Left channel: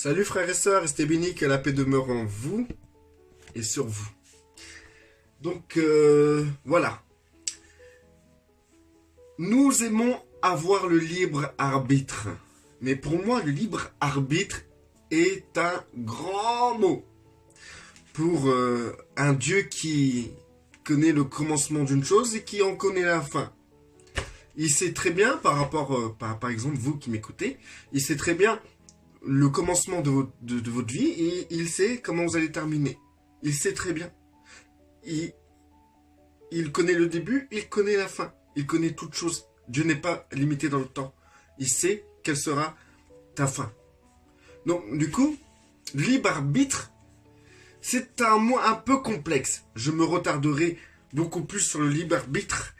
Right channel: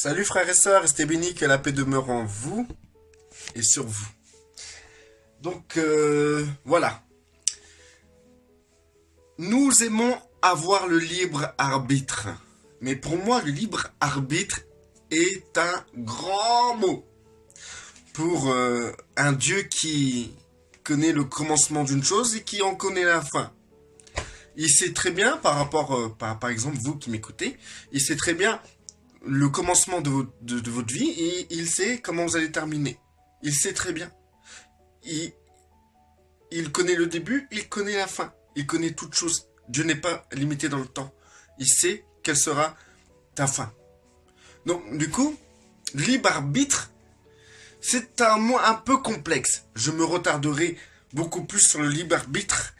Salut frères et sœurs, restez bénis, que la paix demeure en vous et sur vous. Donc voilà, nous aimons avoir le libre arbitre. Mais pour moi, le libre arbitre est un grand mot pour un Dieu qui connaît le commencement d'une chose et qui en connaît la fin. Il sait très bien, par rapport, par exemple, vous qui m'écoutez, il sait très bien le commencement de votre vie et il sait comment vous allez terminer. Il sait très bien. Il connaît le début, il connaît la fin. Il connaît toute chose. Dieu n'est pas limité dans le temps. Il sait quelle sera ta fin. Donc, du coup, libre arbitre, c'est un mot un peu complexe. Je me retarderai beaucoup plus sur le libre arbitre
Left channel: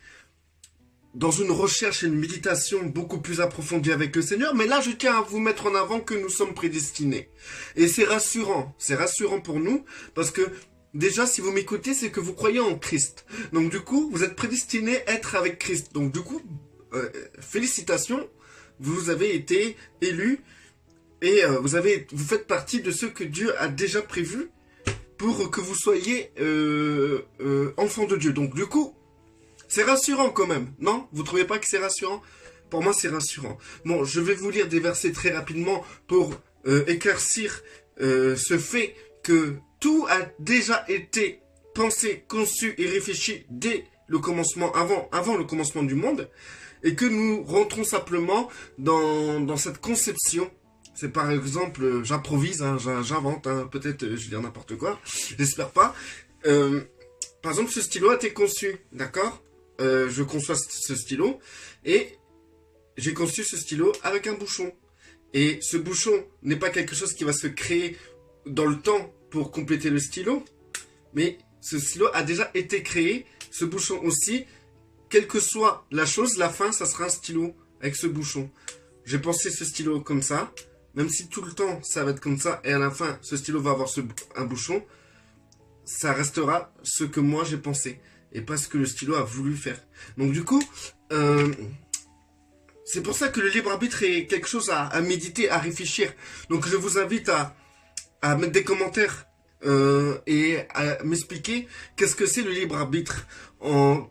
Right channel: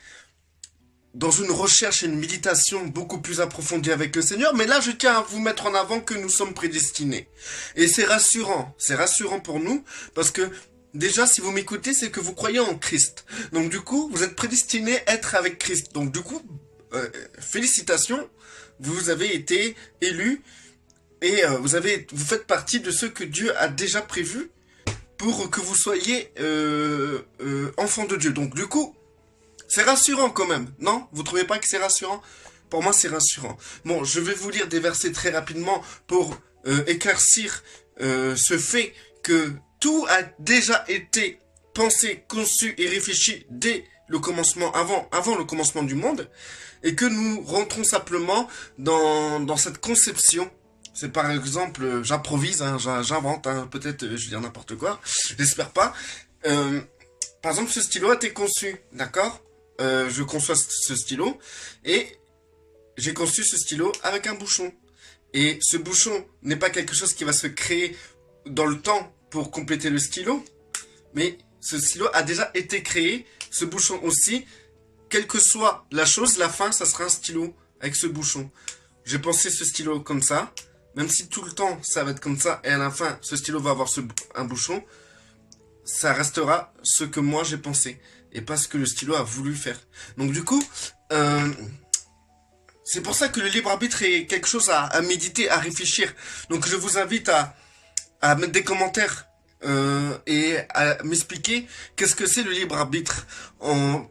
dans une recherche et une méditation beaucoup plus approfondie avec le Seigneur. Mais là, je tiens à vous mettre en avant que nous sommes prédestinés. Et c'est rassurant. C'est rassurant pour nous parce que déjà, si vous m'écoutez, c'est que vous croyez en Christ. Donc du coup, vous êtes prédestinés à être avec Christ. Donc du coup, félicitations, vous avez été élus et vous faites partie de ceux que Dieu a déjà prévus pour que vous soyez enfants de Dieu. Donc du coup, c'est rassurant quand même, non? Vous trouvez pas que c'est rassurant? Pour moi, c'est rassurant. Bon, je vais vous lire des versets très rapidement pour éclaircir ce fait que tout a déjà été pensé, conçu et réfléchi dès le commencement, avant le commencement du monde, et que nous rentrons simplement dans cette conception. C'est par exemple, j'improvise, hein, j'invente, hein, peut-être je vais dire n'importe quoi, j'espère pas. Par exemple, ce stylo a été conçu, d'accord? Je conçois ce stylo, et j'ai conçu ce stylo avec un bouchon. Et ce bouchon n'est pas quelque chose qui va se créer dans le temps pour compléter le stylo, mais ce stylo a déjà été créé, ce bouchon aussi, quelle que soit la chose, la fin, ça sera un stylo avec ce bouchon. J'ai pensé ce stylo comme ça, même si tout le temps ça va être comme ça, et à la fin, ce stylo va avoir un bouchon, ça restera ce que moi j'ai pensé, et pas ce que le stylo a voulu faire. Donc du coup, c'est pour ça que le libre arbitre est quelque chose à méditer, à réfléchir. Donc je vous invite à mettre des commentaires et à m'expliquer qu'est-ce que c'est le libre arbitre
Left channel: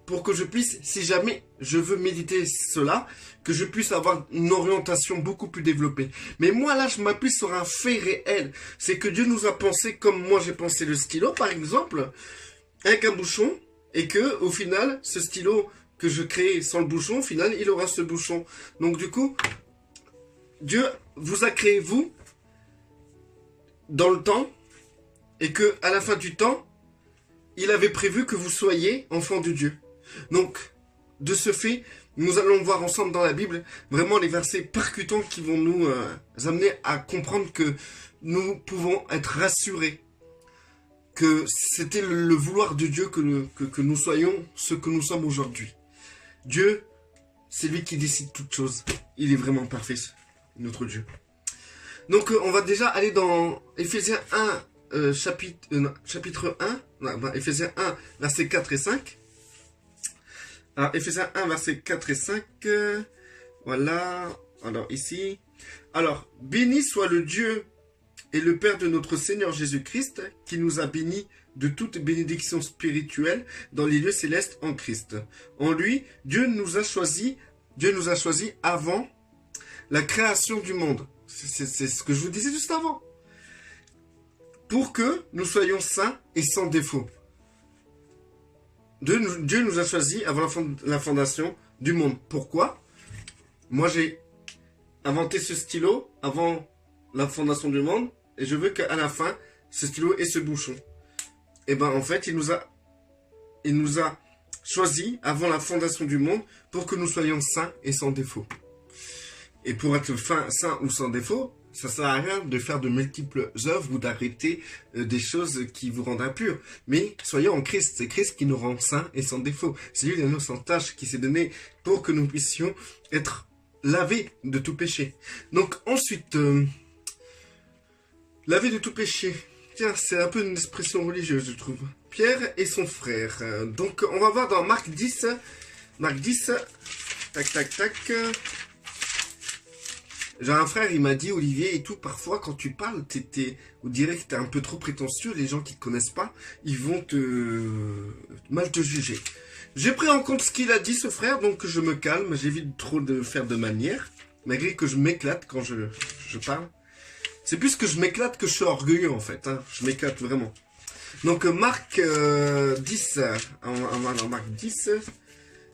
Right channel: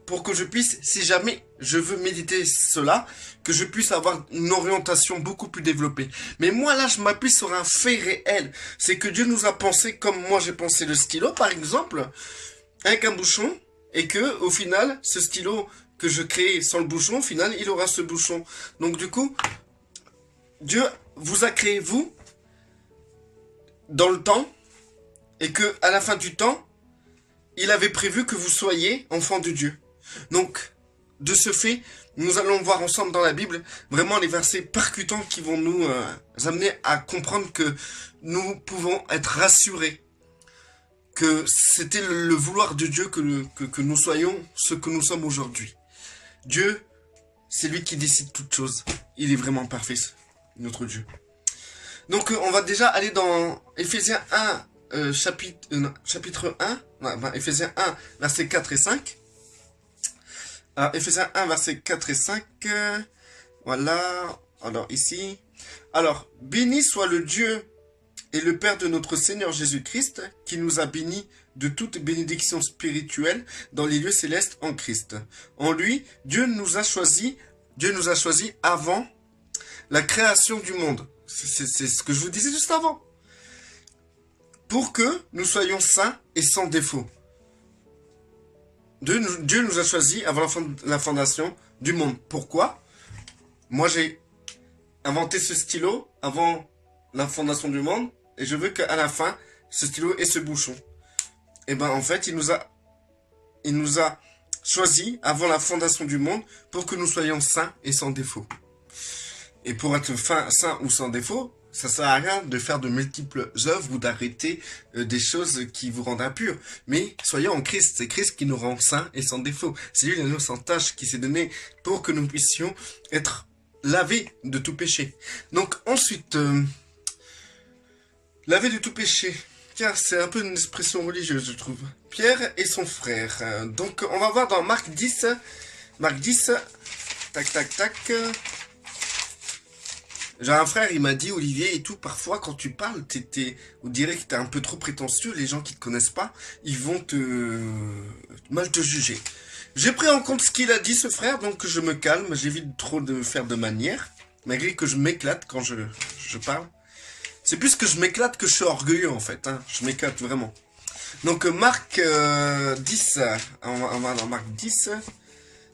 pour que je puisse, si jamais je veux méditer cela, que je puisse avoir une orientation beaucoup plus développée. Mais moi là, je m'appuie sur un fait réel. C'est que Dieu nous a pensé comme moi j'ai pensé le stylo, par exemple, avec un bouchon, et que au final, ce stylo que je crée sans le bouchon, au final, il aura ce bouchon. Donc du coup, Dieu vous a créé, vous, dans le temps, et que à la fin du temps, il avait prévu que vous soyez enfants de Dieu. Donc, de ce fait, nous allons voir ensemble dans la Bible vraiment les versets percutants qui vont nous amener à comprendre que nous pouvons être rassurés, que c'était le vouloir de Dieu que nous soyons ce que nous sommes aujourd'hui. Dieu, c'est lui qui décide toutes choses. Il est vraiment parfait, notre Dieu. Donc, on va déjà aller dans Éphésiens 1, chapitre 1, Éphésiens 1, versets 4 et 5. Alors, Éphésiens 1, versets 4 et 5. Voilà. Alors, ici. Alors, béni soit le Dieu et le Père de notre Seigneur Jésus-Christ, qui nous a bénis de toute bénédiction spirituelle dans les lieux célestes en Christ. En lui, Dieu nous a choisis avant la création du monde. C'est ce que je vous disais juste avant. Pour que nous soyons saints et sans défaut. Dieu nous a choisis avant la fondation du monde. Pourquoi? Moi, j'ai inventé ce stylo avant la fondation du monde, et je veux qu'à la fin, ce stylo ait ce bouchon. Et ben en fait, il nous a choisis avant la fondation du monde pour que nous soyons saints et sans défaut. Et pour être saint ou sans défaut, ça sert à rien de faire de multiples œuvres ou d'arrêter des choses qui vous rendent impurs. Mais soyons en Christ. C'est Christ qui nous rend saints et sans défaut. C'est lui l'agneau sans tache qui s'est donné pour que nous puissions être lavés de tout péché. Donc ensuite, laver de tout péché. Tiens, c'est un peu une expression religieuse, je trouve. Pierre et son frère. Donc on va voir dans Marc 10. Marc 10. Tac, tac, tac. J'ai un frère, il m'a dit, Olivier et tout, parfois quand tu parles, on dirait que t'es un peu trop prétentieux, les gens qui te connaissent pas, ils vont mal te juger. J'ai pris en compte ce qu'il a dit, ce frère, donc je me calme, j'évite trop de faire de manière, malgré que je m'éclate quand je parle. C'est plus que je m'éclate que je suis orgueilleux en fait, hein. Je m'éclate vraiment. Donc Marc 10, on va dans Marc 10,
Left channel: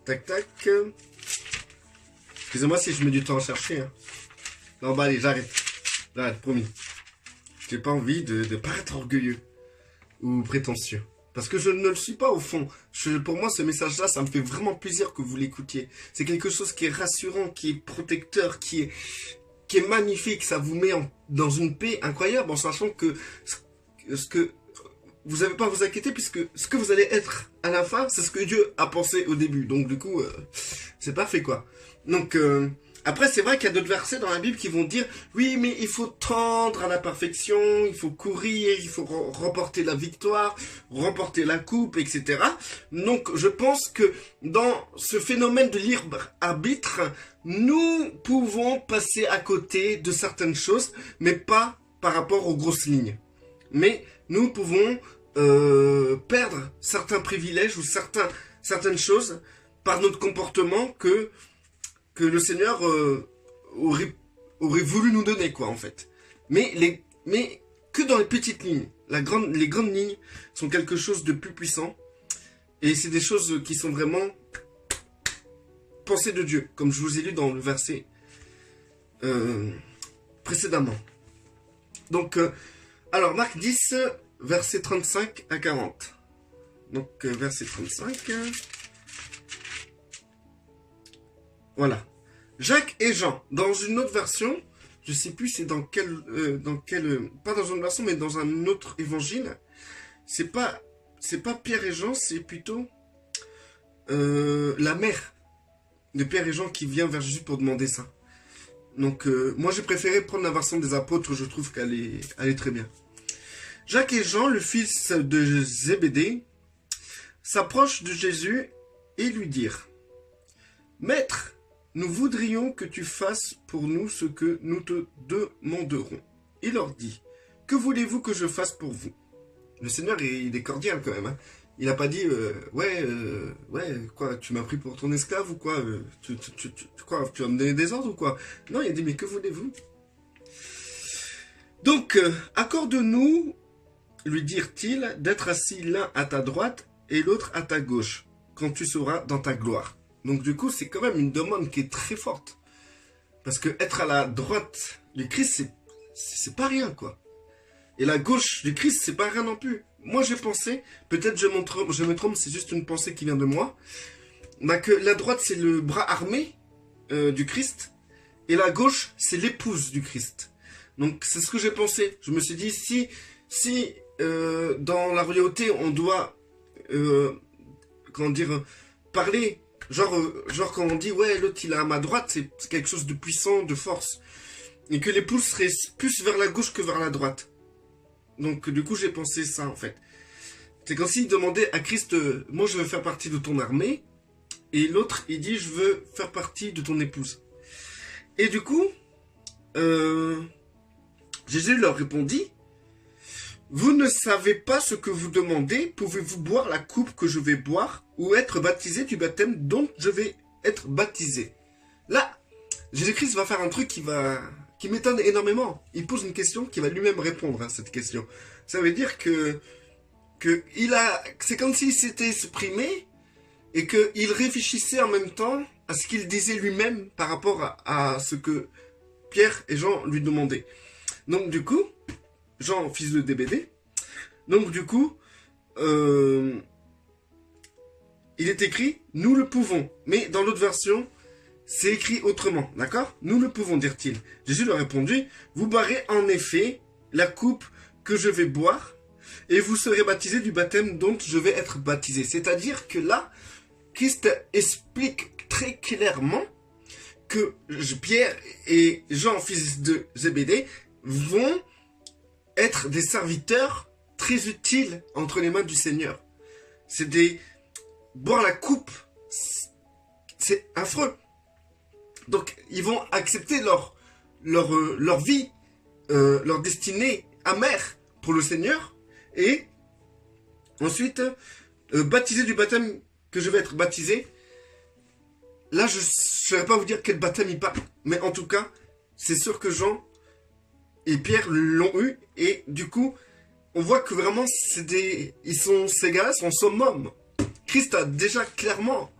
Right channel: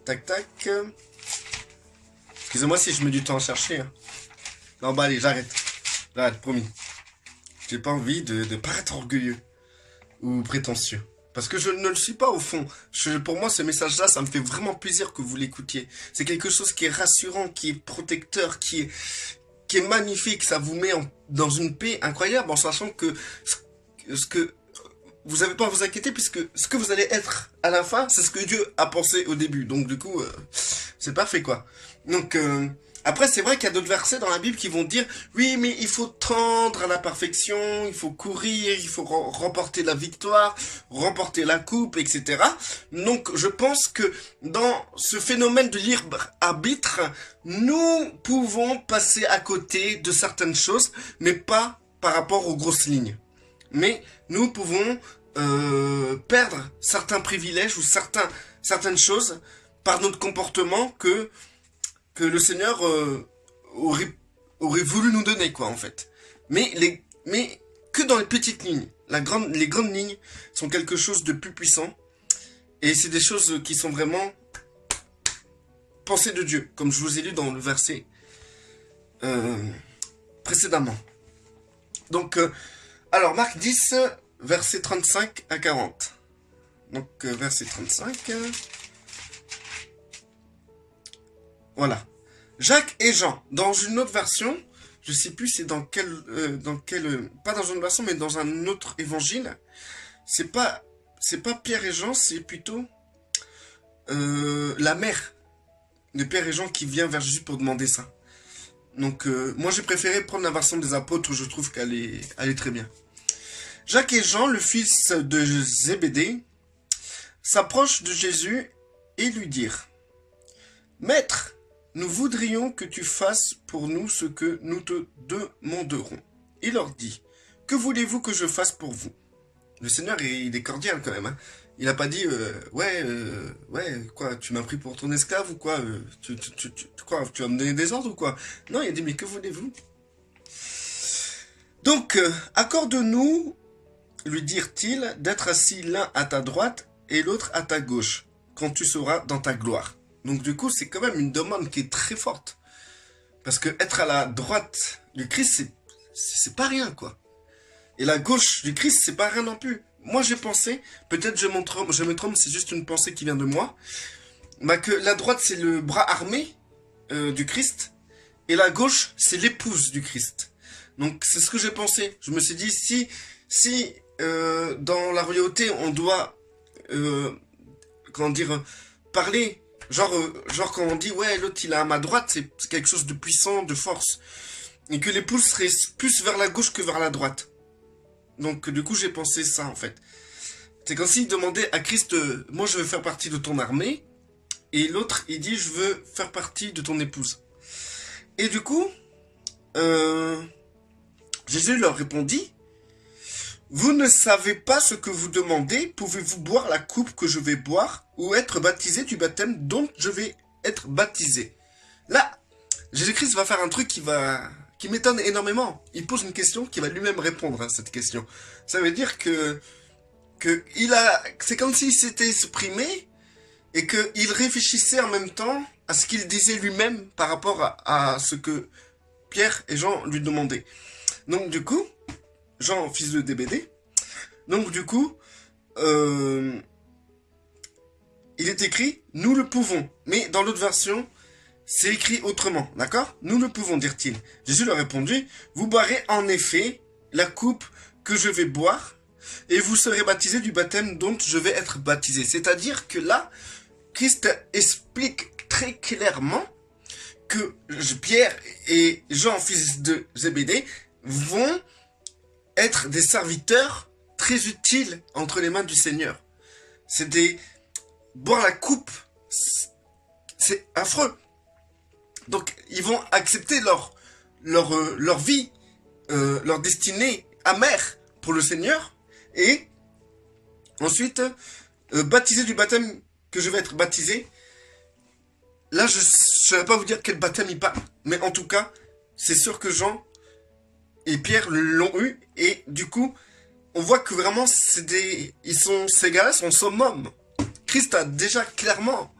tac tac. Excusez-moi si je mets du temps à chercher. Hein. Non bah allez, j'arrête, promis. J'ai pas envie de paraître orgueilleux ou prétentieux. Parce que je ne le suis pas au fond. Pour moi, ce message-là, ça me fait vraiment plaisir que vous l'écoutiez. C'est quelque chose qui est rassurant, qui est protecteur, qui est magnifique. Ça vous met dans une paix incroyable en sachant que ce que vous n'avez pas à vous inquiéter puisque ce que vous allez être à la fin, c'est ce que Dieu a pensé au début. Donc du coup, c'est parfait quoi. Donc après, c'est vrai qu'il y a d'autres versets dans la Bible qui vont dire « Oui, mais il faut tendre à la perfection, il faut courir, il faut remporter la victoire, remporter la coupe, etc. » Donc, je pense que dans ce phénomène de libre arbitre, nous pouvons passer à côté de certaines choses, mais pas par rapport aux grosses lignes. Mais nous pouvons perdre certains privilèges ou certaines choses par notre comportement que le Seigneur aurait voulu nous donner, quoi, en fait. Mais que dans les petites lignes. Les grandes lignes sont quelque chose de plus puissant. Et c'est des choses qui sont vraiment pensées de Dieu, comme je vous ai lu dans le verset précédemment. Donc, alors, Marc 10, verset 35 à 40. Donc, verset 35... Voilà. Jacques et Jean. Dans une autre version, je sais plus c'est dans quelle, pas dans une version, mais dans un autre évangile. C'est pas Pierre et Jean, c'est plutôt la mère de Pierre et Jean qui vient vers Jésus pour demander ça. Donc, moi j'ai préféré prendre la version des apôtres, je trouve qu'elle est très bien. Jacques et Jean, le fils de Zébédée, s'approchent de Jésus et lui dirent « Maître, nous voudrions que tu fasses pour nous ce que nous te demanderons. » Il leur dit, « Que voulez-vous que je fasse pour vous ?» Le Seigneur, il est cordial quand même. Hein. Il n'a pas dit, ouais, quoi, tu m'as pris pour ton esclave ou quoi, tu vas me donner des ordres ou quoi? Non, il a dit, mais que voulez-vous? Donc, accorde-nous, lui dirent-ils, d'être assis l'un à ta droite et l'autre à ta gauche, quand tu seras dans ta gloire. Donc du coup, c'est quand même une demande qui est très forte. Parce que être à la droite du Christ, c'est pas rien, quoi. Et la gauche du Christ, c'est pas rien non plus. Moi, j'ai pensé, peut-être je me trompe, c'est juste une pensée qui vient de moi, bah, que la droite, c'est le bras armé du Christ, et la gauche, c'est l'épouse du Christ. Donc, c'est ce que j'ai pensé. Je me suis dit, si dans la royauté, on doit, comment dire, parler... Genre quand on dit, ouais, l'autre il est à ma droite, c'est quelque chose de puissant, de force. Et que l'épouse serait plus vers la gauche que vers la droite. Donc du coup j'ai pensé ça en fait. C'est comme s'il demandait à Christ, moi je veux faire partie de ton armée. Et l'autre il dit, je veux faire partie de ton épouse. Et du coup, Jésus leur répondit, vous ne savez pas ce que vous demandez, pouvez-vous boire la coupe que je vais boire ou être baptisé du baptême dont je vais être baptisé? Là, Jésus-Christ va faire un truc qui m'étonne énormément. Il pose une question qui va lui-même répondre à cette question. Ça veut dire c'est comme s'il s'était exprimé et qu'il réfléchissait en même temps à ce qu'il disait lui-même par rapport à ce que Pierre et Jean lui demandaient. Donc du coup, Jean, fils de Zébédée. Donc du coup, il est écrit « Nous le pouvons ». Mais dans l'autre version, c'est écrit autrement, d'accord? « Nous le pouvons », dirent-ils. Jésus leur répondit « Vous boirez en effet la coupe que je vais boire, et vous serez baptisés du baptême dont je vais être baptisé. » C'est-à-dire que là, Christ explique très clairement que Pierre et Jean, fils de Zébédée, vont être des serviteurs très utiles entre les mains du Seigneur. Boire la coupe, c'est affreux. Donc, ils vont accepter leur vie, leur destinée amère pour le Seigneur, et ensuite baptisé du baptême que je vais être baptisé. Là, je ne vais pas vous dire quel baptême il parle, mais en tout cas, c'est sûr que Jean et Pierre l'ont eu, et du coup, on voit que vraiment, ces gars-là sont summum. Christ a déjà clairement,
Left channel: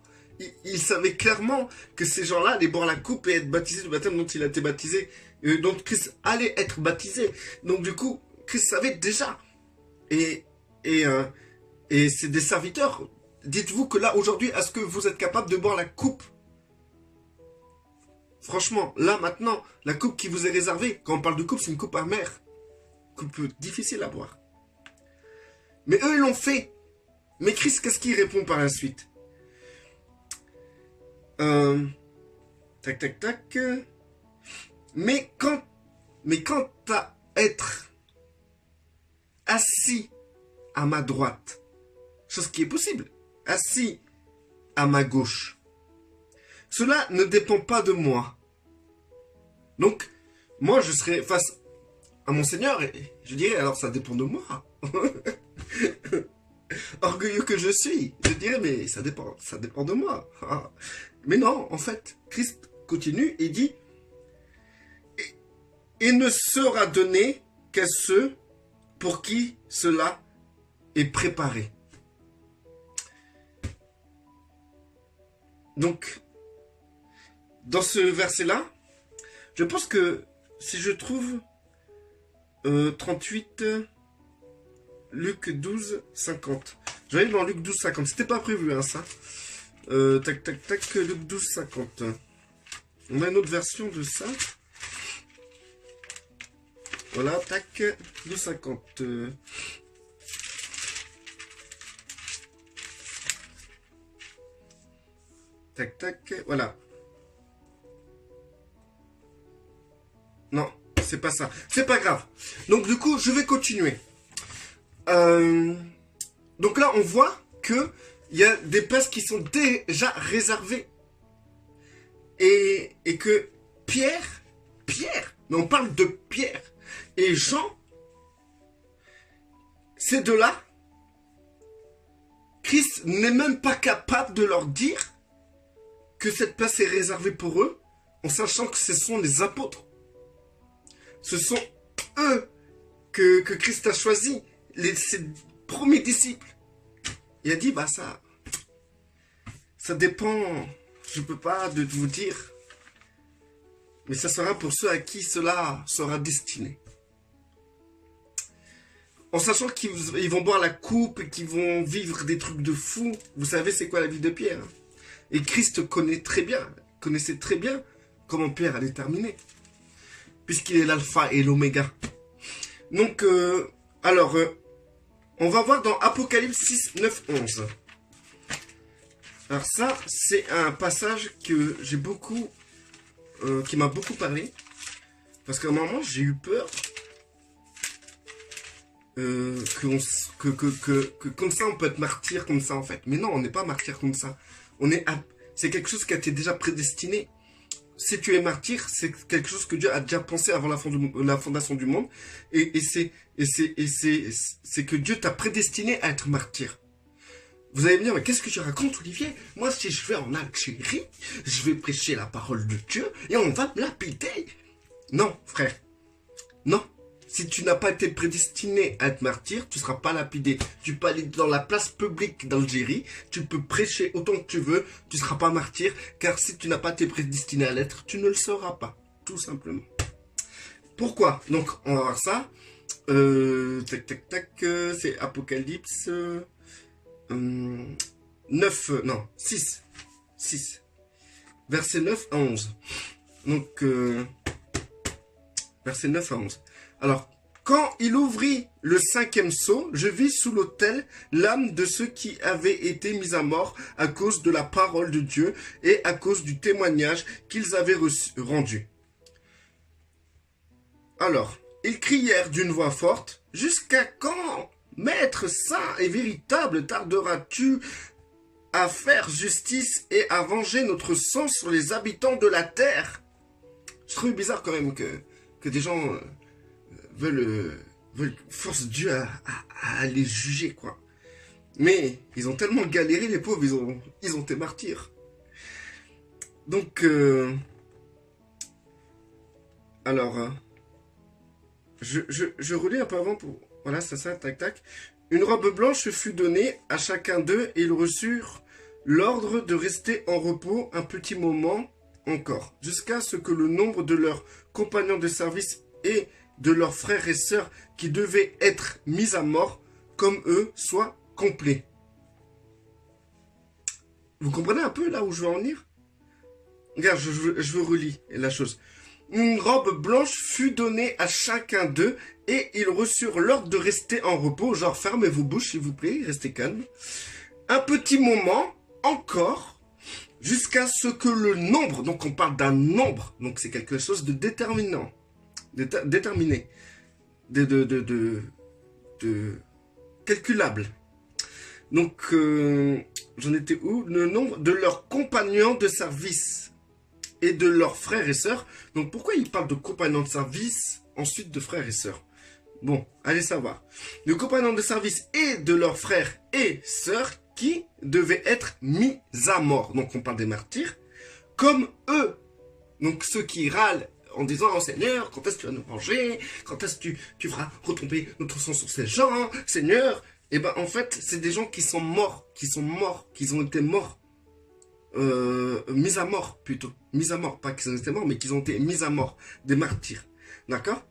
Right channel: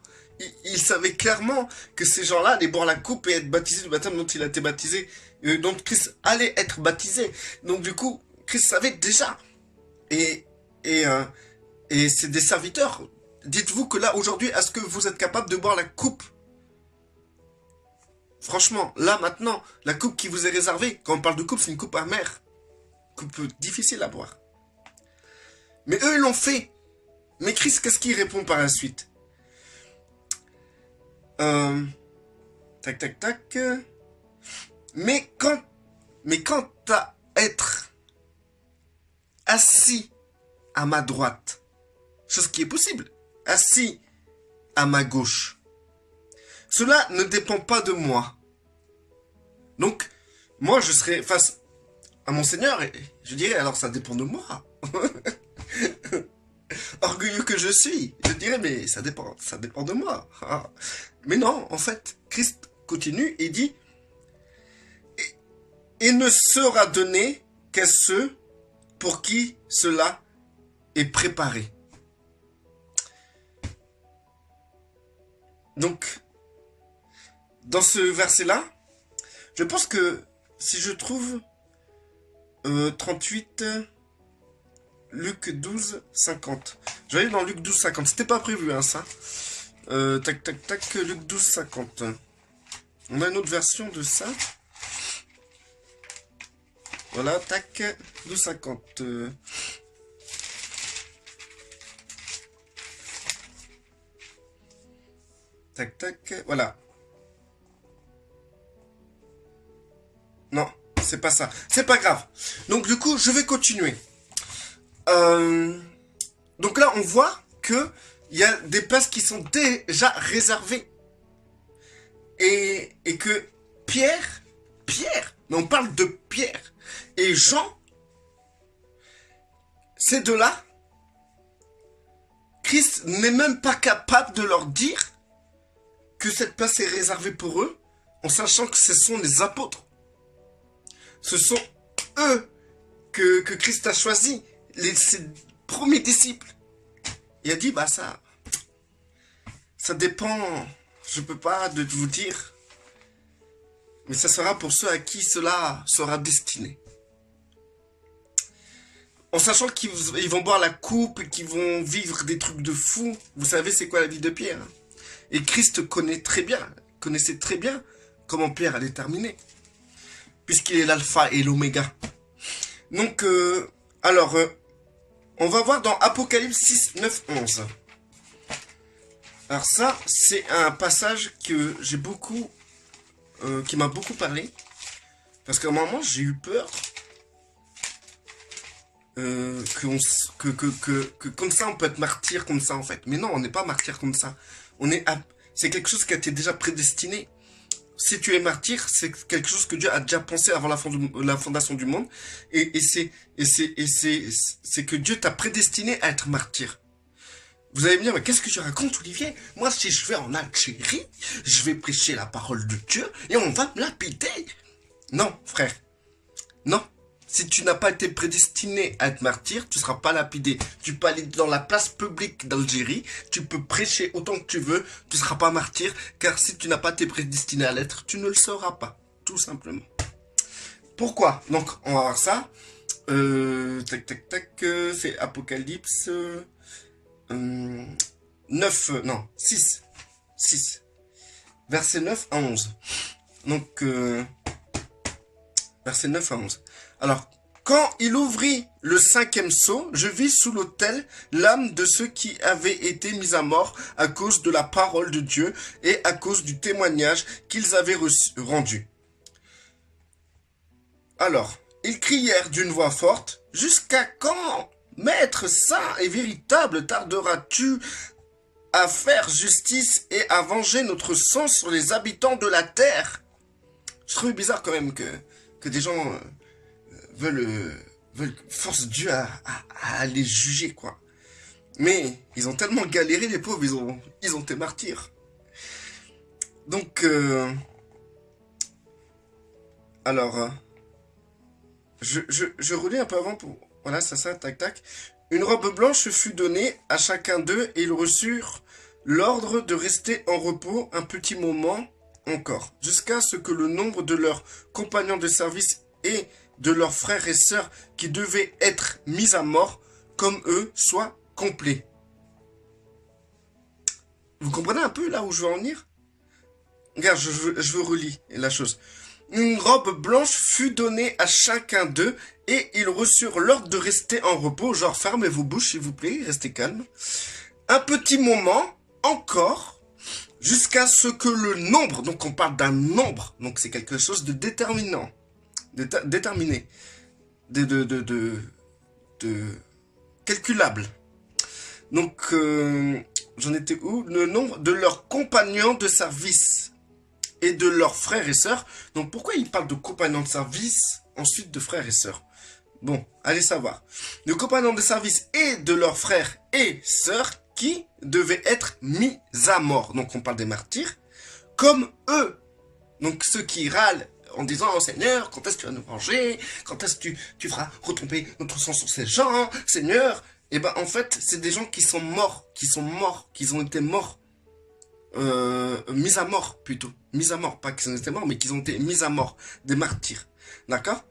il savait clairement que ces gens-là allaient boire la coupe et être baptisés du baptême dont il a été baptisé, dont Christ allait être baptisé. Donc du coup, Christ savait déjà. Et c'est des serviteurs. Dites-vous que là, aujourd'hui, est-ce que vous êtes capable de boire la coupe? Franchement, là, maintenant, la coupe qui vous est réservée, quand on parle de coupe, c'est une coupe amère. Coupe difficile à boire. Mais eux, ils l'ont fait. Mais Christ, qu'est-ce qu'il répond par la suite? Tac, tac, tac. Mais quant à être assis à ma droite, chose qui est possible, assis à ma gauche, cela ne dépend pas de moi. Donc, moi, je serai face à mon Seigneur et je dirais, alors ça dépend de moi. Orgueilleux que je suis, je dirais, mais ça dépend de moi. Mais non, en fait, Christ continue et dit, et ne sera donné qu'à ceux pour qui cela est préparé. Donc, dans ce verset-là, je pense que si je trouve 38, Luc 12, 50. Je vais aller dans Luc 12, 50. C'était pas prévu, hein, ça. Tac, tac, tac, Luc 12, 50. On a une autre version de ça. Voilà, tac, 12, 50. Tac, tac, voilà. Non, c'est pas ça. C'est pas grave. Donc, du coup, je vais continuer. Donc là, on voit que il y a des places qui sont déjà réservées. Et que Pierre, mais on parle de Pierre et Jean, ces deux-là, Christ n'est même pas capable de leur dire que cette place est réservée pour eux, en sachant que ce sont les apôtres. Ce sont eux que Christ a choisis, ses premiers disciples. Il a dit, bah ça dépend, je peux pas de vous dire, mais ça sera pour ceux à qui cela sera destiné. En sachant qu'ils vont boire la coupe et qu'ils vont vivre des trucs de fou. Vous savez c'est quoi la vie de Pierre, hein? Et Christ connaissait très bien comment Pierre allait terminer, puisqu'il est l'alpha et l'oméga. Donc, on va voir dans Apocalypse 6, 9, 11. Alors ça, c'est un passage que j'ai beaucoup, qui m'a beaucoup parlé, parce qu'à un moment, j'ai eu peur que comme ça, on peut être martyr comme ça, en fait. Mais non, on n'est pas martyr comme ça. C'est quelque chose qui a été déjà prédestiné. Si tu es martyr, c'est quelque chose que Dieu a déjà pensé avant la fondation du monde. Et c'est que Dieu t'a prédestiné à être martyr. Vous allez me dire, mais qu'est-ce que tu racontes, Olivier? Moi, si je vais en Algérie, je vais prêcher la parole de Dieu et on va me lapider. Non, frère. Non. Si tu n'as pas été prédestiné à être martyr, tu ne seras pas lapidé. Tu peux aller dans la place publique d'Algérie, tu peux prêcher autant que tu veux, tu ne seras pas martyr, car si tu n'as pas été prédestiné à l'être, tu ne le seras pas, tout simplement. Pourquoi? Donc, on va voir ça. Tac, tac, tac, c'est Apocalypse 6. Verset 9 à 11. Donc, verset 9 à 11. Alors, quand il ouvrit le 5e sceau, je vis sous l'autel l'âme de ceux qui avaient été mis à mort à cause de la parole de Dieu et à cause du témoignage qu'ils avaient rendu. Alors, ils crièrent d'une voix forte, « Jusqu'à quand, Maître saint et véritable, tarderas-tu à faire justice et à venger notre sang sur les habitants de la terre ?» Je trouvais bizarre quand même que des gens forcent Dieu à les juger, quoi. Mais ils ont tellement galéré, les pauvres, ils ont été martyrs. Donc, alors, je relis un peu avant pour... Voilà, c'est ça, tac, tac. Une robe blanche fut donnée à chacun d'eux et ils reçurent l'ordre de rester en repos un petit moment encore, jusqu'à ce que le nombre de leurs compagnons de service et de leurs frères et sœurs qui devaient être mis à mort comme eux soit complet. Vous comprenez un peu là où je veux en venir? Regarde, je relis la chose. Une robe blanche fut donnée à chacun d'eux et ils reçurent l'ordre de rester en repos. Genre, fermez vos bouches s'il vous plaît, restez calme. Un petit moment encore, jusqu'à ce que le nombre, donc on parle d'un nombre, donc c'est quelque chose de déterminant, déterminé, de calculable. Donc, j'en étais où? Le nombre de leurs compagnons de service et de leurs frères et sœurs. Donc, pourquoi il parle de compagnons de service, ensuite de frères et sœurs? Bon, allez savoir. De compagnons de service et de leurs frères et sœurs qui devaient être mis à mort. Donc, on parle des martyrs, comme eux. Donc, ceux qui râlent en disant, oh, Seigneur, quand est-ce que tu vas nous venger? Quand est-ce que tu feras retomber notre sang sur ces gens, Seigneur? Et ben, en fait, c'est des gens qui sont morts, qui ont été morts. Mis à mort, plutôt. Mis à mort, pas qu'ils ont été morts, mais qu'ils ont été mis à mort. Des martyrs. D'accord?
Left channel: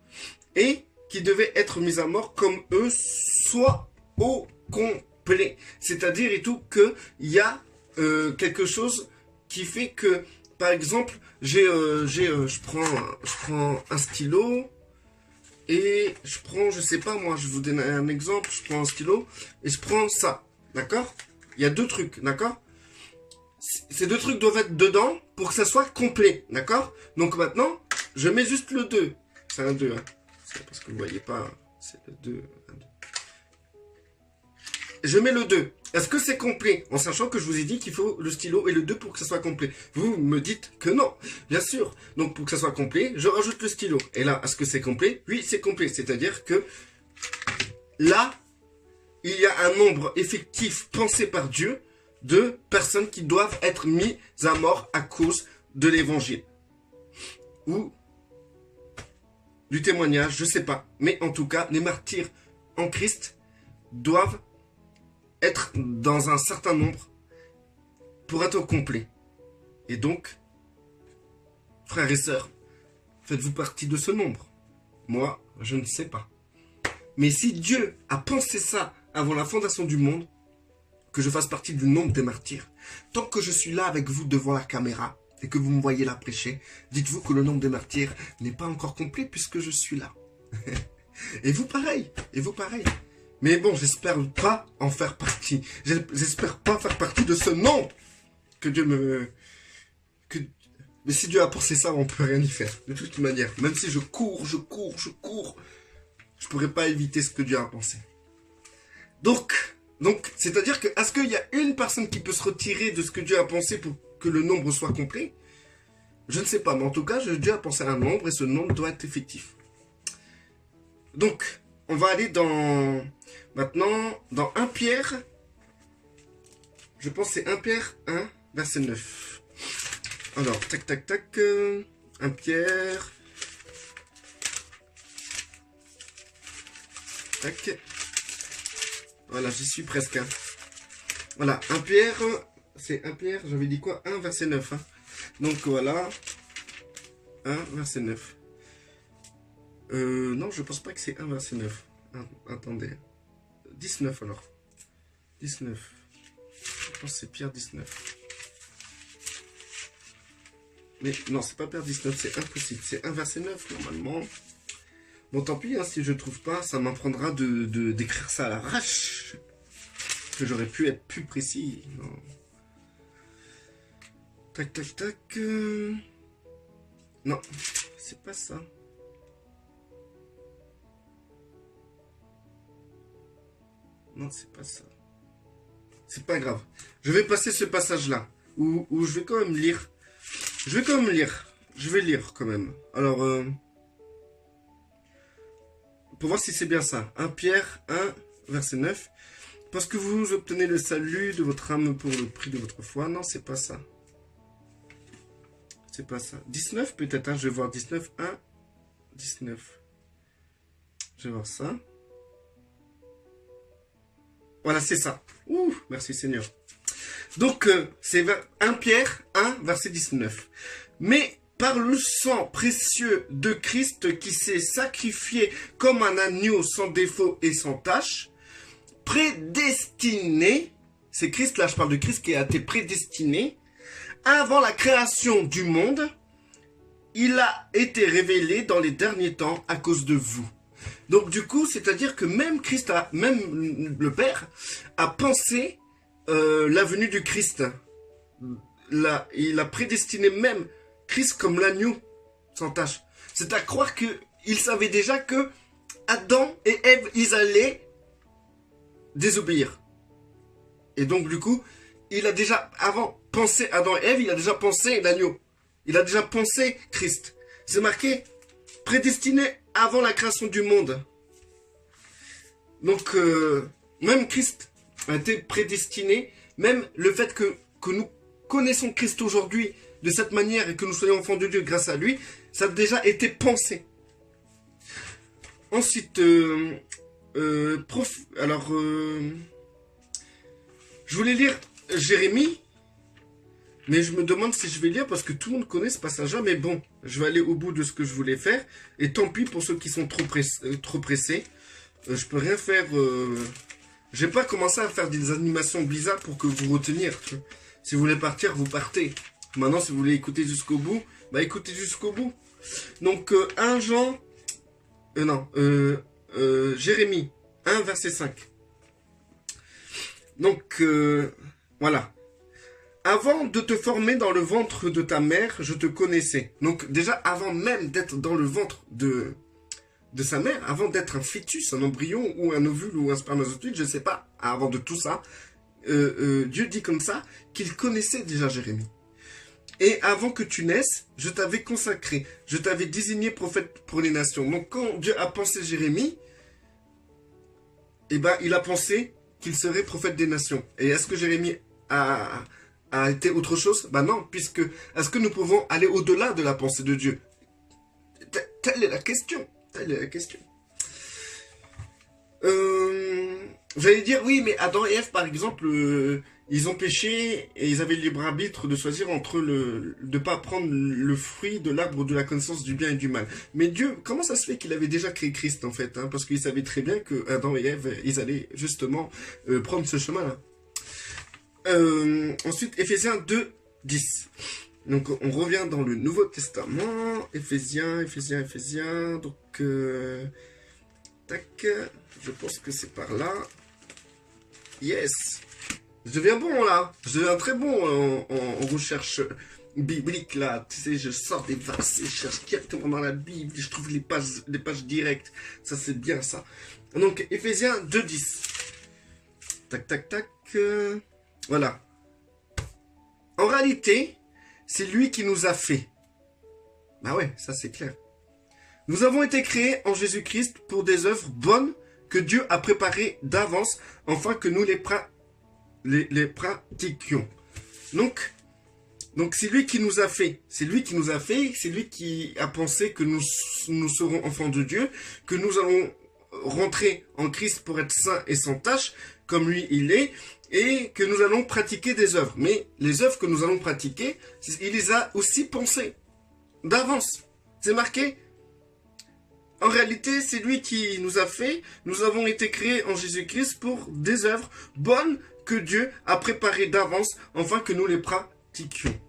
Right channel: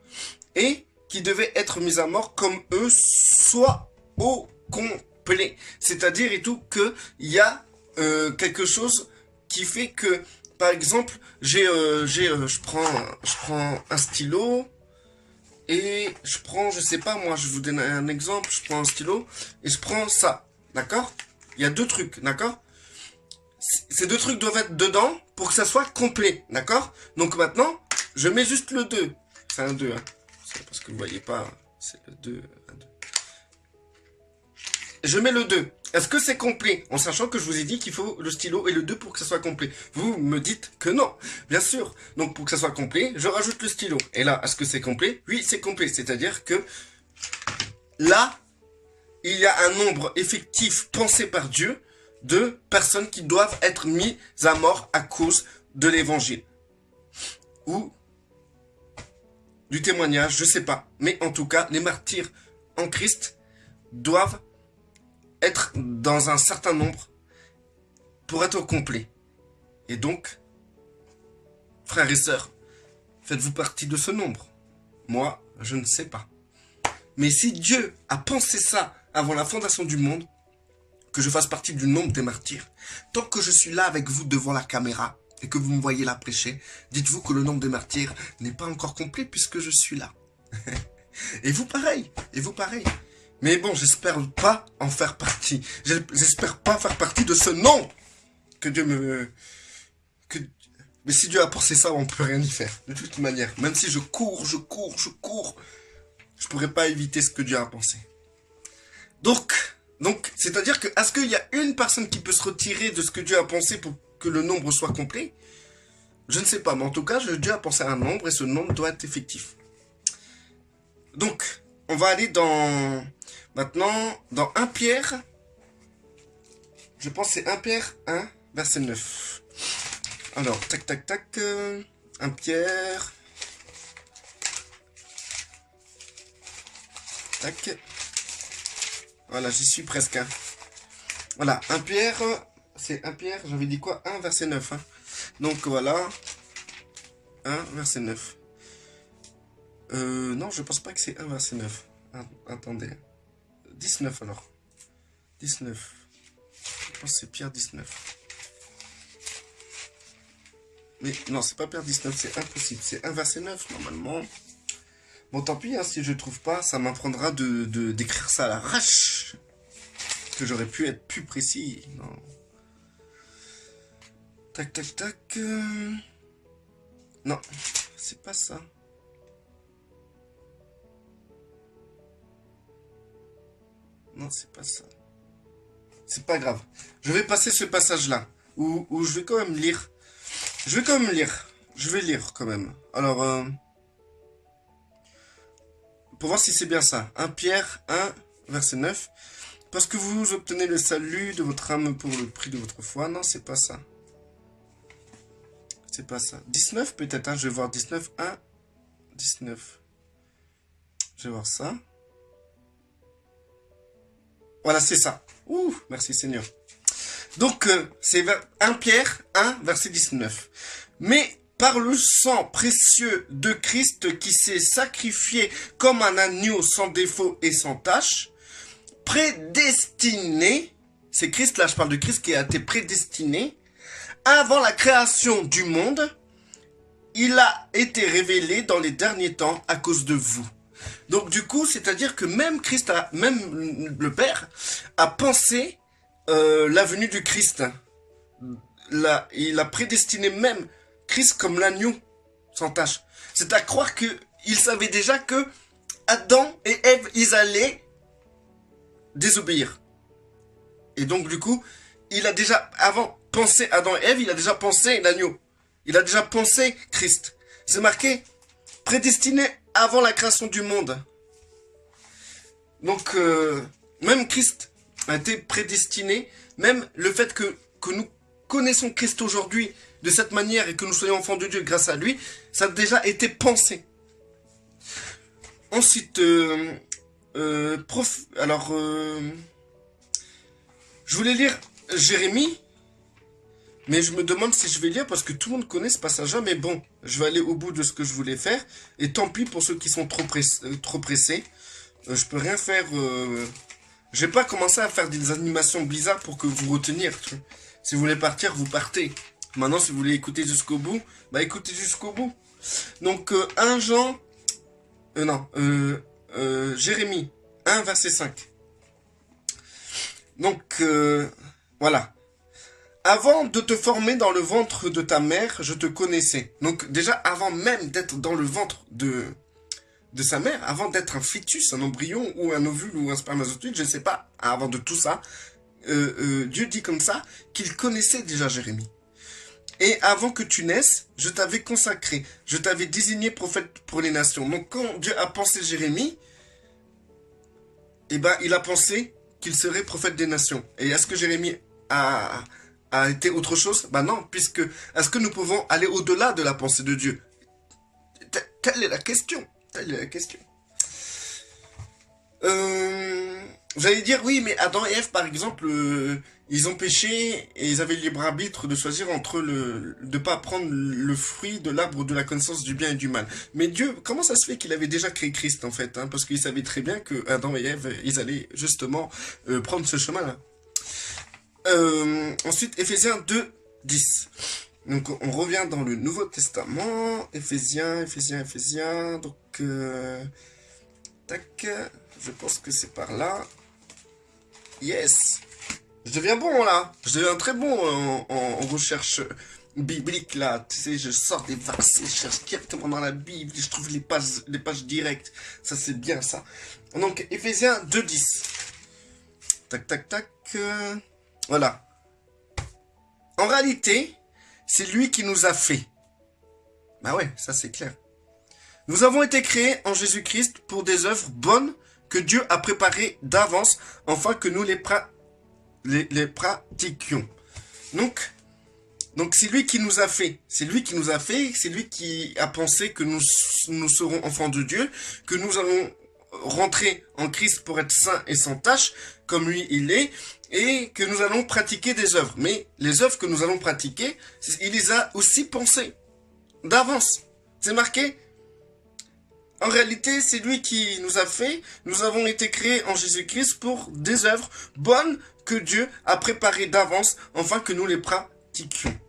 Et qui devaient être mis à mort comme eux, soit au complet. C'est-à-dire et tout qu'il y a quelque chose qui fait que, par exemple, je prends un stylo et je prends, je sais pas, moi, je vous donne un exemple, je prends un stylo et je prends ça, d'accord? Il y a deux trucs, d'accord? Ces deux trucs doivent être dedans pour que ça soit complet, d'accord? Donc maintenant, je mets juste le 2. C'est un 2, hein. C'est parce que vous voyez pas, c'est le 2, un 2. Je mets le 2. Est-ce que c'est complet? En sachant que je vous ai dit qu'il faut le stylo et le 2 pour que ça soit complet. Vous me dites que non, bien sûr. Donc pour que ça soit complet, je rajoute le stylo. Et là, est-ce que c'est complet? Oui, c'est complet. C'est-à-dire que là, il y a un nombre effectif pensé par Dieu de personnes qui doivent être mises à mort à cause de l'évangile. Ou du témoignage, je sais pas. Mais en tout cas, les martyrs en Christ doivent être dans un certain nombre pour être au complet. Et donc, frères et sœurs, faites-vous partie de ce nombre? Moi, je ne sais pas. Mais si Dieu a pensé ça avant la fondation du monde, que je fasse partie du nombre des martyrs, tant que je suis là avec vous devant la caméra et que vous me voyez là prêcher, dites-vous que le nombre des martyrs n'est pas encore complet puisque je suis là. Et vous pareil, Mais bon, j'espère pas en faire partie. J'espère pas faire partie de ce nombre que Dieu me... Mais si Dieu a pensé ça, on peut rien y faire. De toute manière, même si je cours, je pourrais pas éviter ce que Dieu a pensé. Donc, c'est-à-dire que, est-ce qu'il y a une personne qui peut se retirer de ce que Dieu a pensé pour que le nombre soit complet? Je ne sais pas, mais en tout cas, Dieu a pensé à un nombre et ce nombre doit être effectif. Donc, on va aller maintenant dans 1 Pierre. Je pense que c'est 1 Pierre 1, verset 9. Alors, tac, tac, tac. 1 Pierre. Tac. Voilà, j'y suis presque. Hein. Voilà, 1 Pierre, c'est 1 Pierre, j'avais dit quoi? 1 verset 9. Hein. Donc voilà, 1 verset 9. Non, je pense pas que c'est 1 verset 9. Attendez. 19 alors. 19. Je pense que c'est Pierre 19. Mais non, c'est pas Pierre 19, c'est impossible. C'est 1 verset 9 normalement. Bon, tant pis, hein, si je trouve pas, ça m'apprendra d'écrire ça à l'arrache. Que j'aurais pu être plus précis. Non. Tac, tac, tac. Non, c'est pas ça. Non, c'est pas ça. C'est pas grave. Je vais passer ce passage-là. Où je vais quand même lire. Je vais quand même lire. je vais lire quand même. Alors, pour voir si c'est bien ça. 1 Pierre 1, verset 9. Parce que vous obtenez le salut de votre âme pour le prix de votre foi. Non, c'est pas ça. C'est pas ça. 19 peut-être, hein, je vais voir 19, 1, 19. Je vais voir ça. Voilà, c'est ça. Ouh, merci Seigneur. Donc, c'est 1 Pierre 1, verset 19. Mais par le sang précieux de Christ qui s'est sacrifié comme un agneau sans défaut et sans tache, prédestiné, c'est Christ, là je parle de Christ qui a été prédestiné, avant la création du monde, il a été révélé dans les derniers temps à cause de vous. Donc du coup, c'est-à-dire que même Christ, même le Père, a pensé la venue du Christ. Là, il a prédestiné même Christ comme l'agneau sans tache. C'est à croire qu'il savait déjà que Adam et Ève, ils allaient désobéir. Et donc du coup, il a déjà, avant pensé Adam et Ève, il a déjà pensé l'agneau. Il a déjà pensé Christ. C'est marqué prédestiné avant la création du monde. Donc, même Christ a été prédestiné, même le fait que nous connaissons Christ aujourd'hui de cette manière et que nous soyons enfants de Dieu grâce à lui, ça a déjà été pensé. Ensuite, je voulais lire Jérémie, mais je me demande si je vais lire parce que tout le monde connaît ce passage-là, mais bon, je vais aller au bout de ce que je voulais faire, et tant pis pour ceux qui sont trop pressés. Je peux rien faire. Je vais pas commencer à faire des animations Blizzard pour que vous retenir. Si vous voulez partir, vous partez. Maintenant, si vous voulez écouter jusqu'au bout, bah écoutez jusqu'au bout. Donc, Jérémie 1, verset 5. Donc, voilà. Avant de te former dans le ventre de ta mère, je te connaissais. Donc, déjà, avant même d'être dans le ventre de sa mère, avant d'être un fœtus, un embryon, ou un ovule, ou un spermatozoïde, je ne sais pas, avant de tout ça, Dieu dit comme ça qu'il connaissait déjà Jérémie. Et avant que tu naisses, je t'avais consacré, je t'avais désigné prophète pour les nations. Donc quand Dieu a pensé Jérémie, eh ben, il a pensé qu'il serait prophète des nations. Et est-ce que Jérémie a été autre chose? Ben non, puisque est-ce que nous pouvons aller au-delà de la pensée de Dieu? Telle est la question. Telle est la question. Vous allez dire, oui, mais Adam et Ève, par exemple, ils ont péché et ils avaient le libre arbitre de choisir entre de pas prendre le fruit de l'arbre de la connaissance du bien et du mal. Mais Dieu, comment ça se fait qu'il avait déjà créé Christ, en fait, hein, parce qu'il savait très bien que Adam et Ève, ils allaient justement prendre ce chemin-là. Ensuite, Éphésiens 2, 10. Donc, on revient dans le Nouveau Testament. Éphésiens. Donc, tac, je pense que c'est par là. Yes. Je deviens bon, là. Je deviens très bon en recherche biblique, là. Tu sais, je sors des versets, je cherche directement dans la Bible, je trouve les pages directes. Ça, c'est bien, ça. Donc, Éphésiens 2, 10. Tac, tac, tac. Voilà. En réalité, c'est lui qui nous a fait. Bah ouais, ça c'est clair. Nous avons été créés en Jésus-Christ pour des œuvres bonnes que Dieu a préparées d'avance, afin que nous les pratiquions. Donc c'est lui qui nous a fait. C'est lui qui nous a fait. C'est lui qui a pensé que nous serons enfants de Dieu, que nous allons rentrer en Christ pour être saints et sans tache, comme lui il est, et que nous allons pratiquer des œuvres. Mais les œuvres que nous allons pratiquer, il les a aussi pensées d'avance. C'est marqué. En réalité, c'est lui qui nous a fait. Nous avons été créés en Jésus-Christ pour des œuvres bonnes que Dieu a préparées d'avance, afin que nous les pratiquions.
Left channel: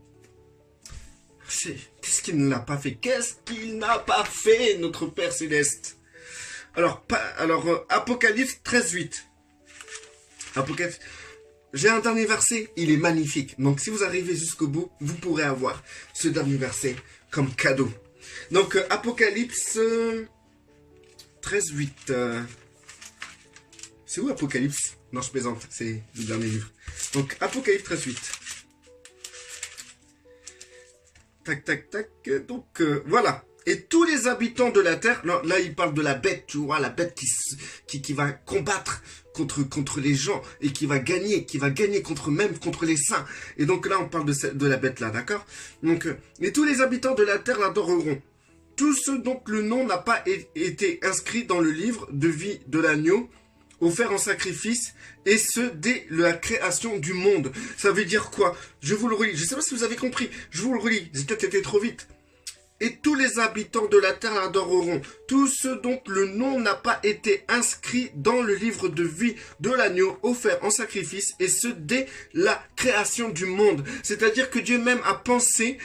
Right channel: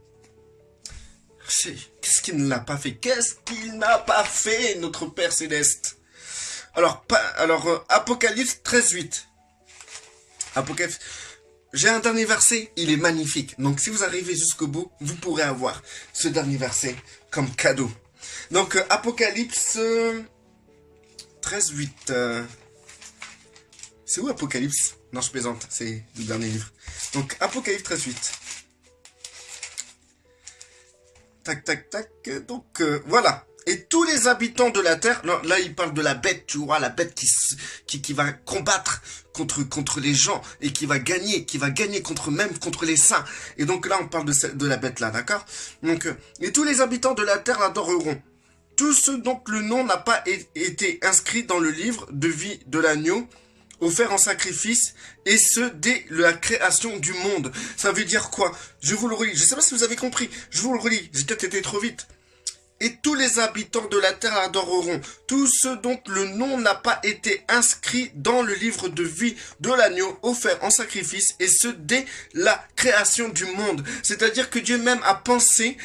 Qu'est-ce qu'il ne l'a pas fait? Qu'est-ce qu'il n'a pas fait, notre Père Céleste? Alors, Apocalypse 13, 8. Apocalypse. J'ai un dernier verset, il est magnifique. Donc, si vous arrivez jusqu'au bout, vous pourrez avoir ce dernier verset comme cadeau. Donc, Apocalypse 13, 8. C'est où Apocalypse? Non, je plaisante, c'est le dernier livre. Donc, Apocalypse 13, 8. Tac, tac, tac. Donc, voilà. Et tous les habitants de la terre, là il parle de la bête, tu vois, la bête qui va combattre contre les gens et qui va gagner contre les saints. Et donc là on parle de la bête là, d'accord? Donc, et tous les habitants de la terre l'adoreront. Tous ceux dont le nom n'a pas été inscrit dans le livre de vie de l'agneau, offert en sacrifice, et ce dès la création du monde. Ça veut dire quoi? Je vous le relis, je ne sais pas si vous avez compris, je vous le relis, j'ai peut-être été trop vite. Et tous les habitants de la terre l'adoreront, tous ceux dont le nom n'a pas été inscrit dans le livre de vie de l'agneau offert en sacrifice, et ce dès la création du monde. C'est-à-dire que Dieu même a pensé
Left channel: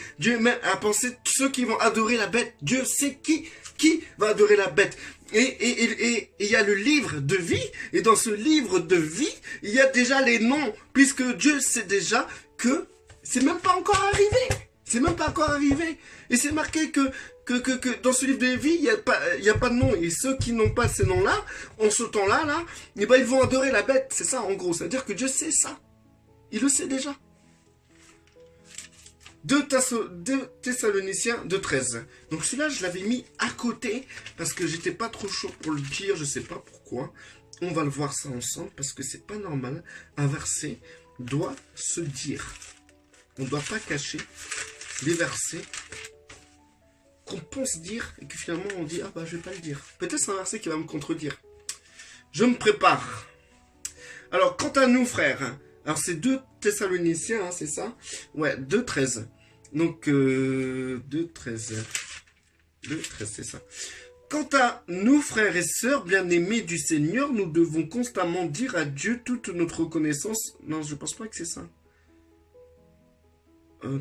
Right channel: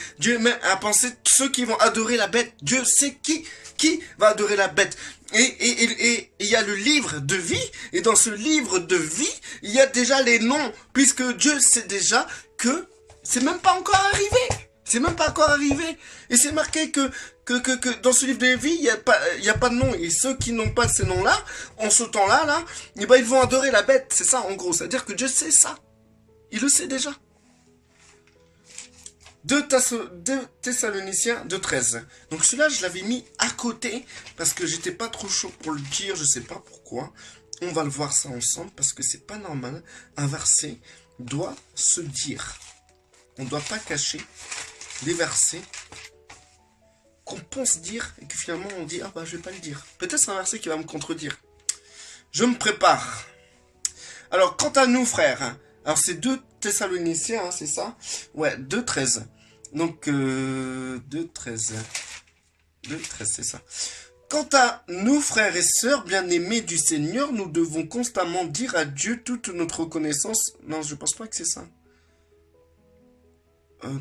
ceux qui vont adorer la bête. Dieu sait qui va adorer la bête. Et il y a le livre de vie, et dans ce livre de vie, il y a déjà les noms, puisque Dieu sait déjà que c'est même pas encore arrivé. C'est même pas encore arrivé. Et c'est marqué que dans ce livre de vie, il y a pas de nom. Et ceux qui n'ont pas ces noms-là, en ce temps-là, eh ben, ils vont adorer la bête. C'est ça, en gros. C'est-à-dire que Dieu sait ça. Il le sait déjà. 2 Thessaloniciens 2,13. Donc celui-là, je l'avais mis à côté parce que j'étais pas trop chaud pour le dire. Je sais pas pourquoi. On va le voir ça ensemble parce que c'est pas normal. Un verset doit se dire. On ne doit pas cacher les versets qu'on pense dire et que finalement on dit ah bah je vais pas le dire. Peut-être c'est un verset qui va me contredire. Je me prépare. Alors quant à nous frères, alors c'est 2 Thessaloniciens, hein, c'est ça? Ouais, 2,13. Donc 2,13. 2,13 c'est ça. Quant à nous frères et sœurs bien-aimés du Seigneur, nous devons constamment dire à Dieu toute notre reconnaissance. Non, je pense pas que c'est ça.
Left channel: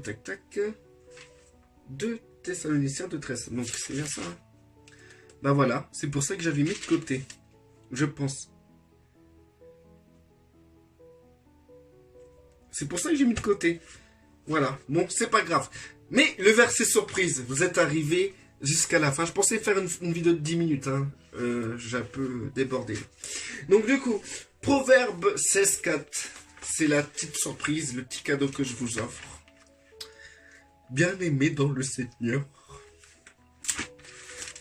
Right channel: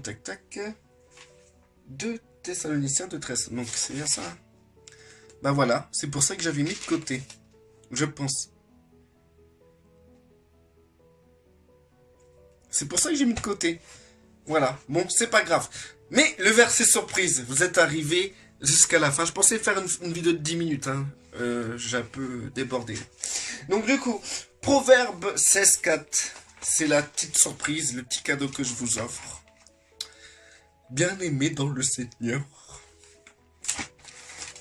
Tac tac. 2 Thessaloniciens 2,13. Donc c'est bien ça. Bah voilà, c'est pour ça que j'avais mis de côté. Je pense. C'est pour ça que j'ai mis de côté. Voilà, bon, c'est pas grave. Mais le verset surprise, vous êtes arrivé jusqu'à la fin. Je pensais faire une vidéo de 10 minutes. Hein. J'ai un peu débordé. Donc du coup, Proverbe 16,4. C'est la petite surprise, le petit cadeau que je vous offre. Bien-aimé dans le Seigneur.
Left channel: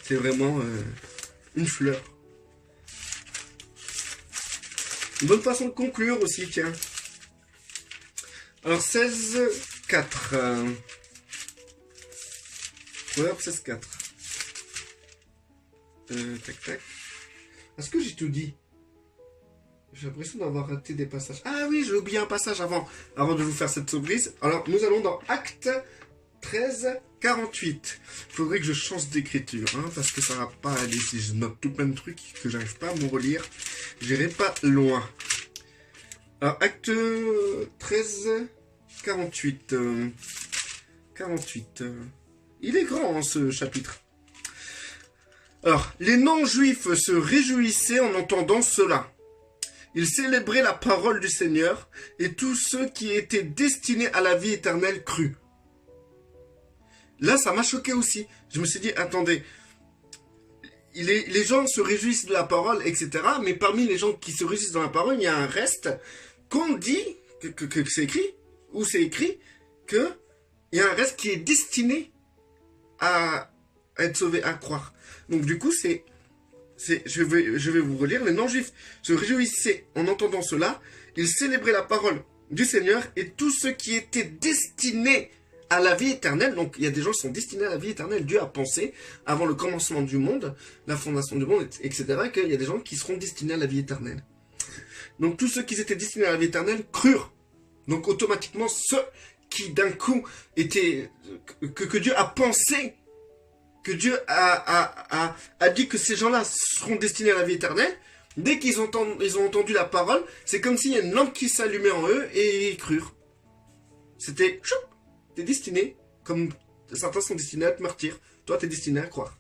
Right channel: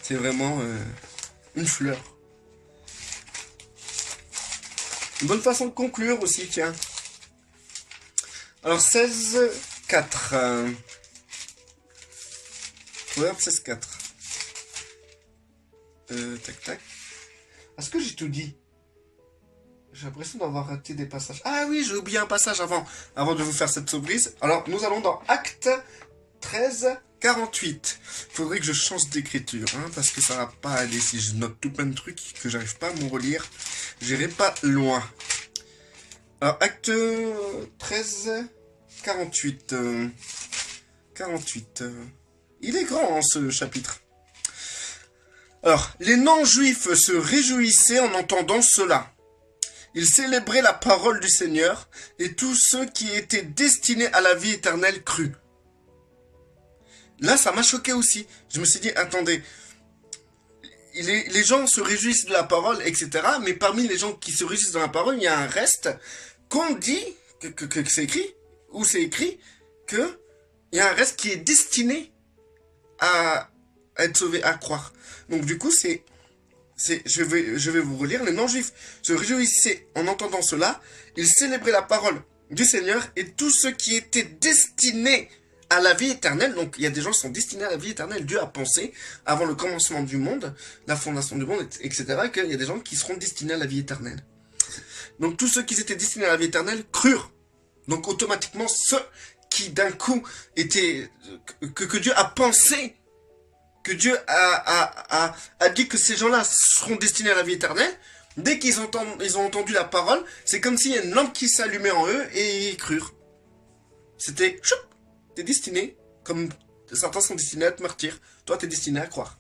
C'est vraiment une fleur. Une bonne façon de conclure aussi, tiens. Alors 16,4. Proverbe 16,4. Tac tac. Est-ce que j'ai tout dit? J'ai l'impression d'avoir raté des passages. Ah oui, j'ai oublié un passage avant de vous faire cette surprise. Alors nous allons dans Actes 13, 48. Faudrait que je change d'écriture, hein, parce que ça va pas aller si je note tout plein de trucs que j'arrive pas à me relire. J'irai pas loin. Alors, acte 13, 48. 48. Il est grand, hein, ce chapitre. Alors, les non-juifs se réjouissaient en entendant cela. Ils célébraient la parole du Seigneur, et tous ceux qui étaient destinés à la vie éternelle crurent. Là, ça m'a choqué aussi. Je me suis dit, attendez, les gens se réjouissent de la parole, etc. Mais parmi les gens qui se réjouissent de la parole, il y a un reste qu'on dit, que c'est écrit, ou c'est écrit, qu'il y a un reste qui est destiné à être sauvé, à croire. Donc du coup, je vais vous relire. Les non-juifs se réjouissaient en entendant cela. Ils célébraient la parole du Seigneur, et tous ceux qui étaient destinés à la vie éternelle. Donc il y a des gens qui sont destinés à la vie éternelle. Dieu a pensé avant le commencement du monde, la fondation du monde, etc. qu'il y a des gens qui seront destinés à la vie éternelle. Donc tous ceux qui étaient destinés à la vie éternelle crurent. Donc automatiquement ceux qui d'un coup étaient que Dieu a pensé, que Dieu a dit que ces gens-là seront destinés à la vie éternelle. Dès qu'ils ont entendu la parole, c'est comme s'il y a une lampe qui s'allumait en eux et ils crurent. C'était choup. T'es destiné, comme certains sont destinés à être martyrs, toi t'es destiné à croire.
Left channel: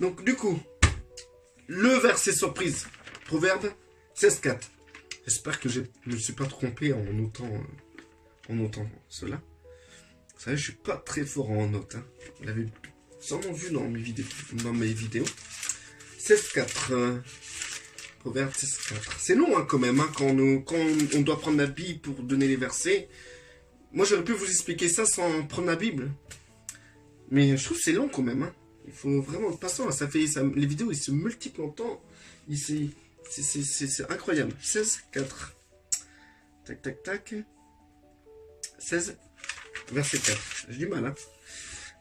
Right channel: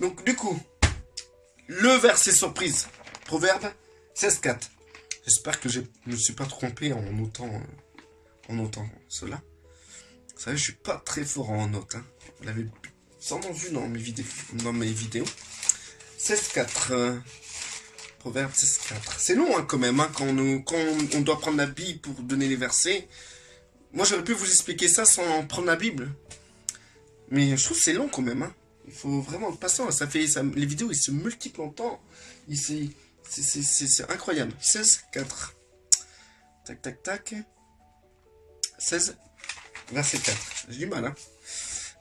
Donc du coup, le verset surprise, Proverbe 16,4. J'espère que je ne me suis pas trompé en notant cela. Vous savez, je suis pas très fort en notes. Hein. Vous l'avez sûrement vu dans mes vidéos. 16,4. Proverbe 16,4. C'est long hein, quand même, hein, quand on doit prendre la Bible pour donner les versets. Moi, j'aurais pu vous expliquer ça sans prendre la Bible. Mais je trouve que c'est long quand même. Hein. Il faut vraiment être patient. Les vidéos, ils se multiplient en temps. C'est incroyable. 16, 4. Tac, tac, tac. 16, verset 4. J'ai du mal, hein.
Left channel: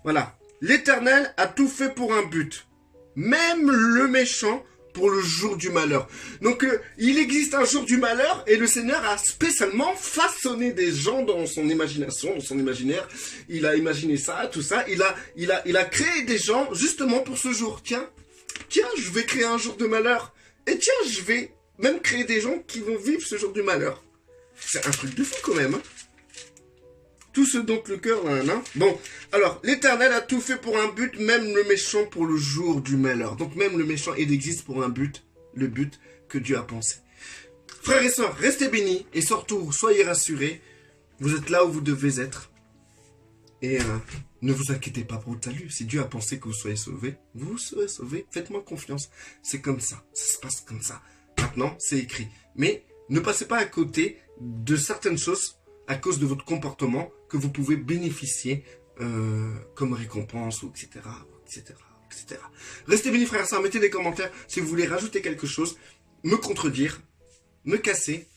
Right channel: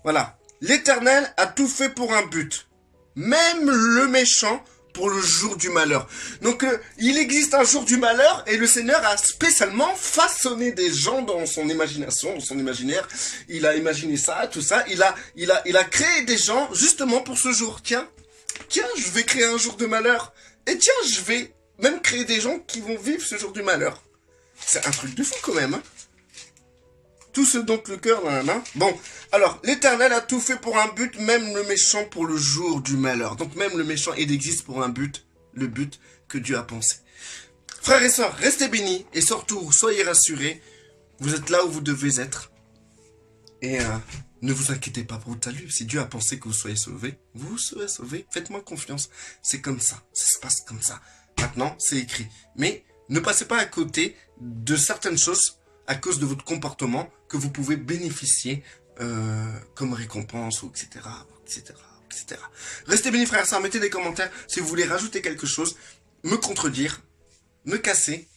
Voilà. L'Éternel a tout fait pour un but. Même le méchant pour le jour du malheur. Donc, il existe un jour du malheur et le Seigneur a spécialement façonné des gens dans son imagination, dans son imaginaire. Il a imaginé ça, tout ça. Il a créé des gens justement pour ce jour. Tiens, je vais créer un jour de malheur. Et tiens, je vais même créer des gens qui vont vivre ce jour du malheur. C'est un truc de fou quand même, hein. Tout ce dont le cœur, nanana. Bon, alors, l'Éternel a tout fait pour un but, même le méchant pour le jour du malheur. Donc même le méchant, il existe pour un but, le but que Dieu a pensé. Frères et sœurs, restez bénis et surtout, soyez rassurés. Vous êtes là où vous devez être. Et ne vous inquiétez pas pour votre salut. Si Dieu a pensé que vous soyez sauvés, vous serez sauvés. Faites-moi confiance. C'est comme ça. Ça se passe comme ça. Maintenant, c'est écrit. Mais ne passez pas à côté de certaines choses à cause de votre comportement que vous pouvez bénéficier comme récompense, ou etc., etc., etc. Restez bénis, frères et sœurs, mettez des commentaires si vous voulez rajouter quelque chose, me contredire, me casser,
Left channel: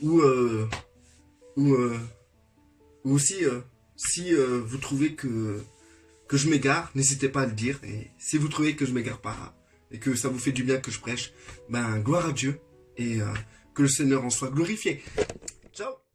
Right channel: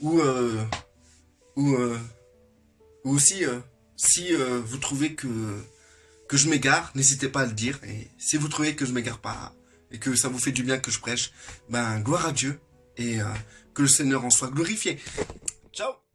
ou aussi, si vous trouvez que je m'égare, n'hésitez pas à le dire, et si vous trouvez que je m'égare pas, et que ça vous fait du bien que je prêche, ben, gloire à Dieu, et que le Seigneur en soit glorifié. Ciao!